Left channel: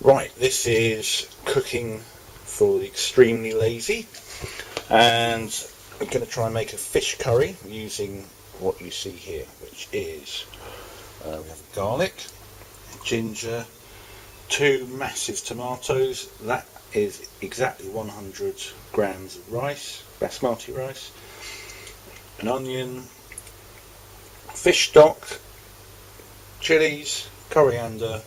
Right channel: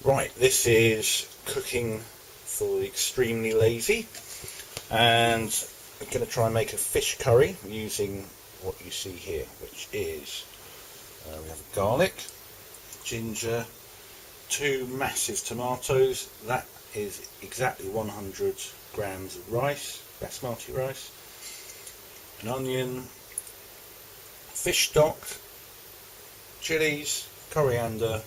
Right, this is cooking for the extremely lazy, and I'm going to try and make a fish curry using what you see here, which is we have garlic, ginger, 2 massive tomatoes. That is exactly 100 grams of rice, basmati rice, an onion, fish stock, chilies, coriander,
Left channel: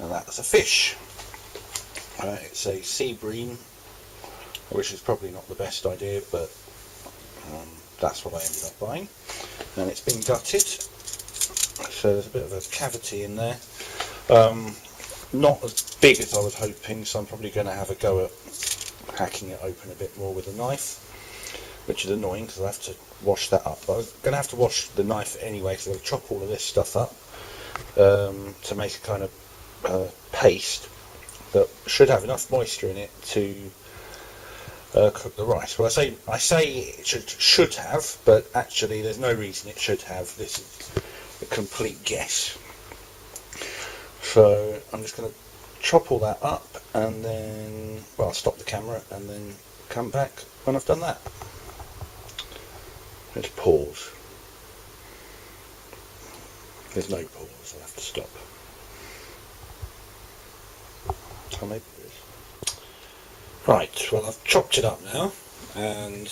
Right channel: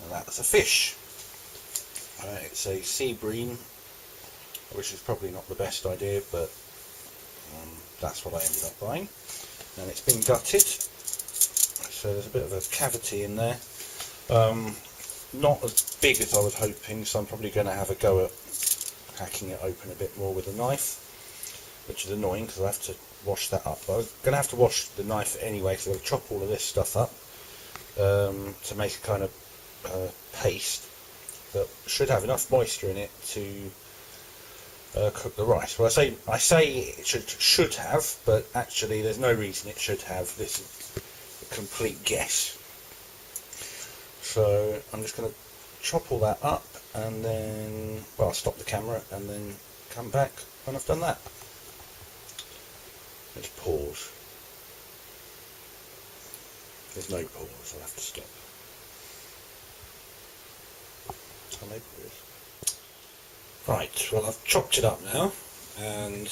and that's a fish. It's a sea bream, which is probably not the best idea, but that's what I ended up buying. And it's been gutted, so there's a bit of a cavity in there. Not as big as I was hoping, so I'm probably going to have a go at hacking it open a bit more with a knife, which is annoying because I have to wash that up. I'm going to have to wash the knife anyway, so I'll chop all of this stuff up to make a kind of paste that should have enough moisture in it to cook the rice. Well, I say it should have, but actually there's no reason it should have. This is a complete guess. So I'm just going to chop all that up, and then I'll stop the camera and then come back when I've done that. Let's pause. There's no pause, so I'll have to stop. So maybe there is. Right, well, I've chopped it up now, and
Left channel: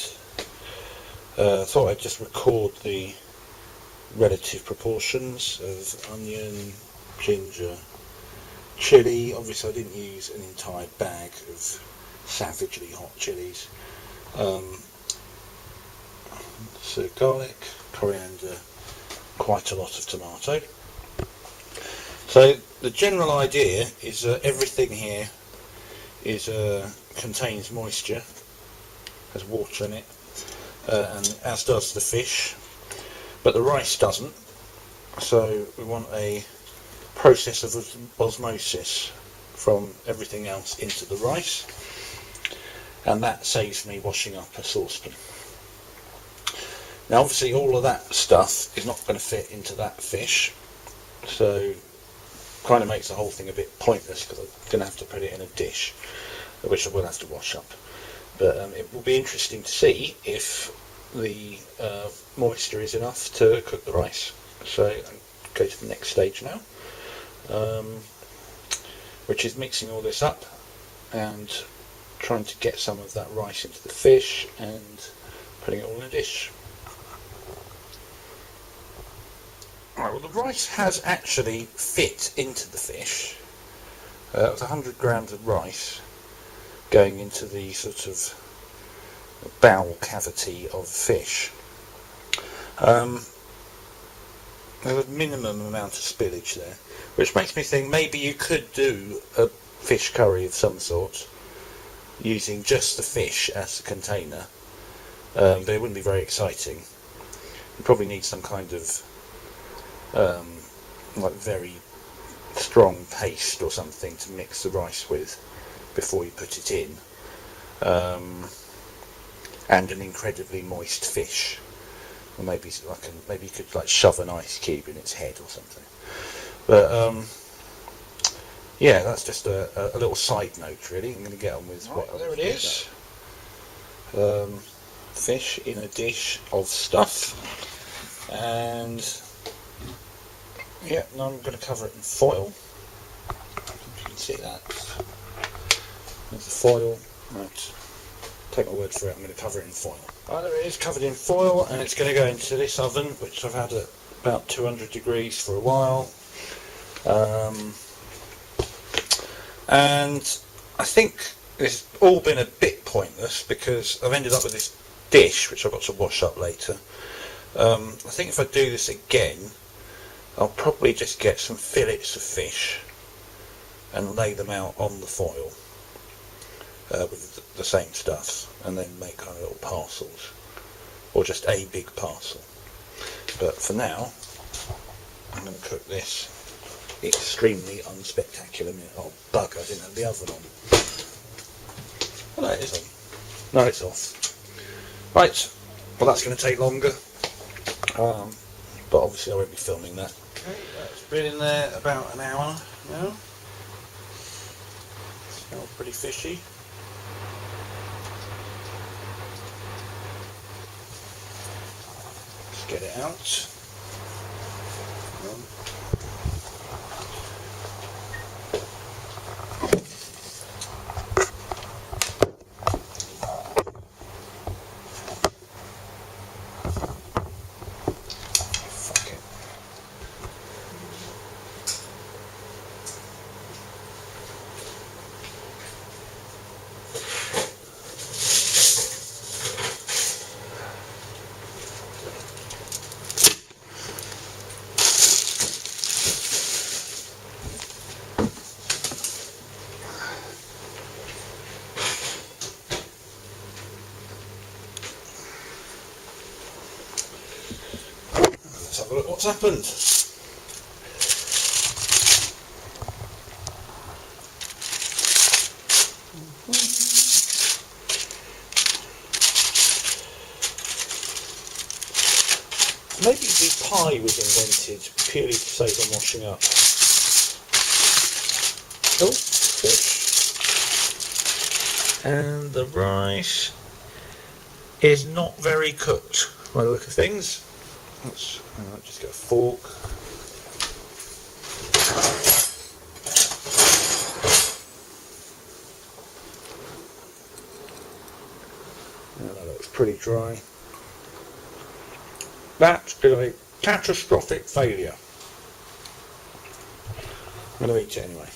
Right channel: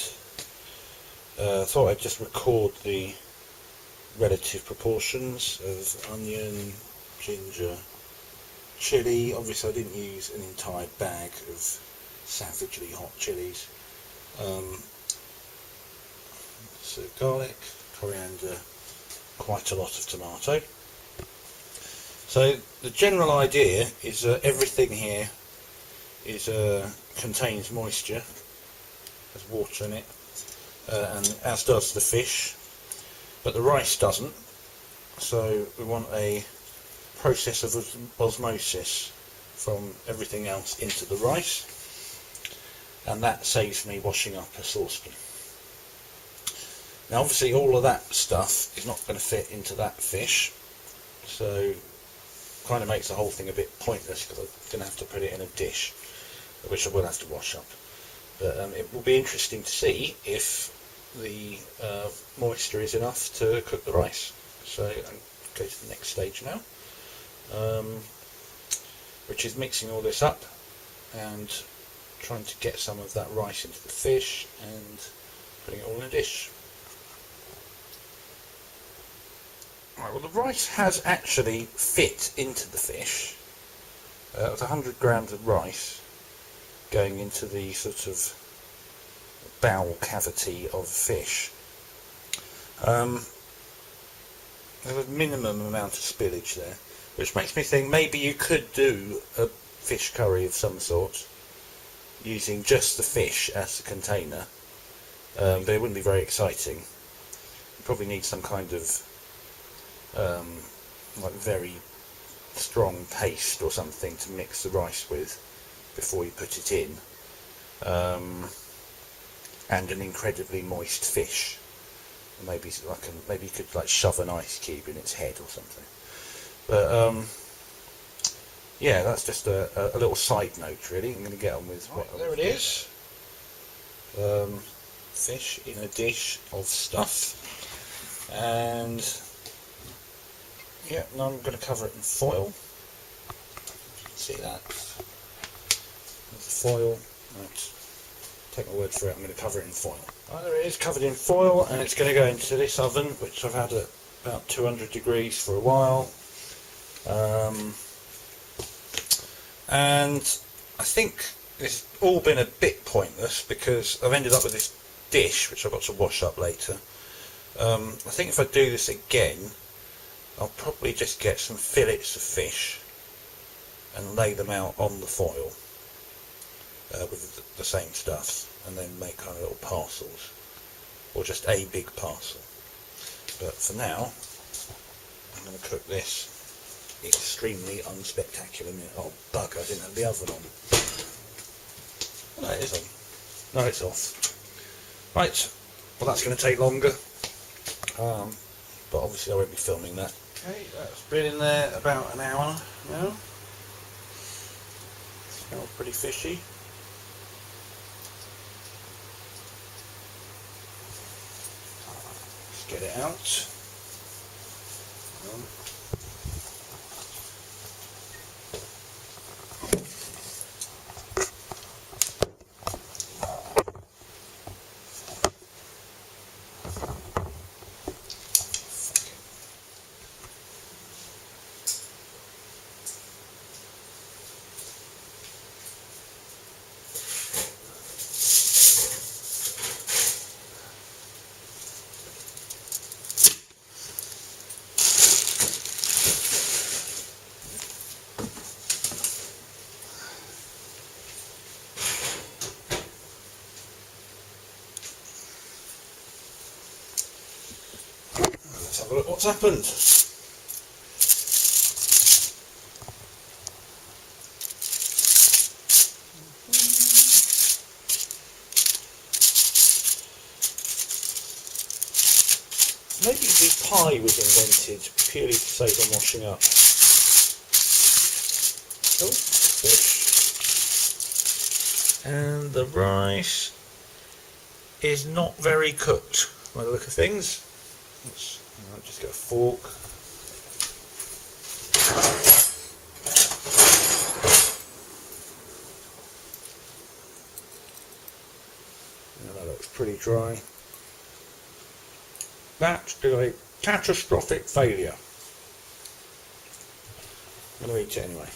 thought I'd just record the relative proportions of onion, ginger, chilli. Obviously I didn't use an entire bag of savagely hot chilies. So garlic, coriander, quite a lot of tomato. So the general idea is that everything here is contains moisture, has water in it, and as does the fish, but the rice doesn't. So we want a process of osmosis from everything else into the rice, and that saves me washing up a saucepan. Now obviously all of that stuff is not going to fit into that fish, so kind of makes the whole thing a bit pointless because I'm going to have to put it in a dish, which I will have to wash up. But it will be interesting to see if the moisture is enough to cook the rice. So I'll go to the next stage now, which is mixing all this up and trying to get some of that rice into the fish and putting it all in a dish. Right, well, the rice has actually fit into the fish. It's 100 grams of rice going into the sort of bowel cavity of fish. There's a minimum amount of spillage there, which makes me think maybe you could do a fish curry of some sort using just the fish as the container, but it wouldn't be very exciting. You probably need some kind of like very strong paste or something to mix the rice with before you put it in, and an incredibly moist fish, or maybe maybe you could like shove an ice cube in its head or something. But yeah, that's just a little side note really. I'm going to get on with there it is. Fish in a dish of stuff, and yeah, now I'm going to cover it in foil. You can see that. There's the foil. Right. Take my word for it, I'm going to cover it in foil. Right, there it is, covered in foil, and it's going to go into this oven, which I've had at about 200 degrees for a while. And I think it's all been a bit pointless because I've ended up with this dish, which I've got to wash up later. I think if I do this again, I'll probably just get some fillets of fish and lay them out on the foil with the same stuff, and then make kind of little parcels, or just a big parcel. But for now, I'm going to cook this extremely unspectacular meal. Oh bugger, I didn't have the oven on. Oh, no, it is on. No, it's off. Right, well that's going to take longer, but obviously I won't be filming that. Okay, that's been in there about an hour now. Smells pretty fishy. Let's get it out. Let's have a look what's happened. Maybe the pie was invented purely to save on washing up. Oh, fish. And the rice is not very cooked by the look of things. Let's just get a fork. And that looks pretty dry. That is a catastrophic failure. I'm going to eat it anyway.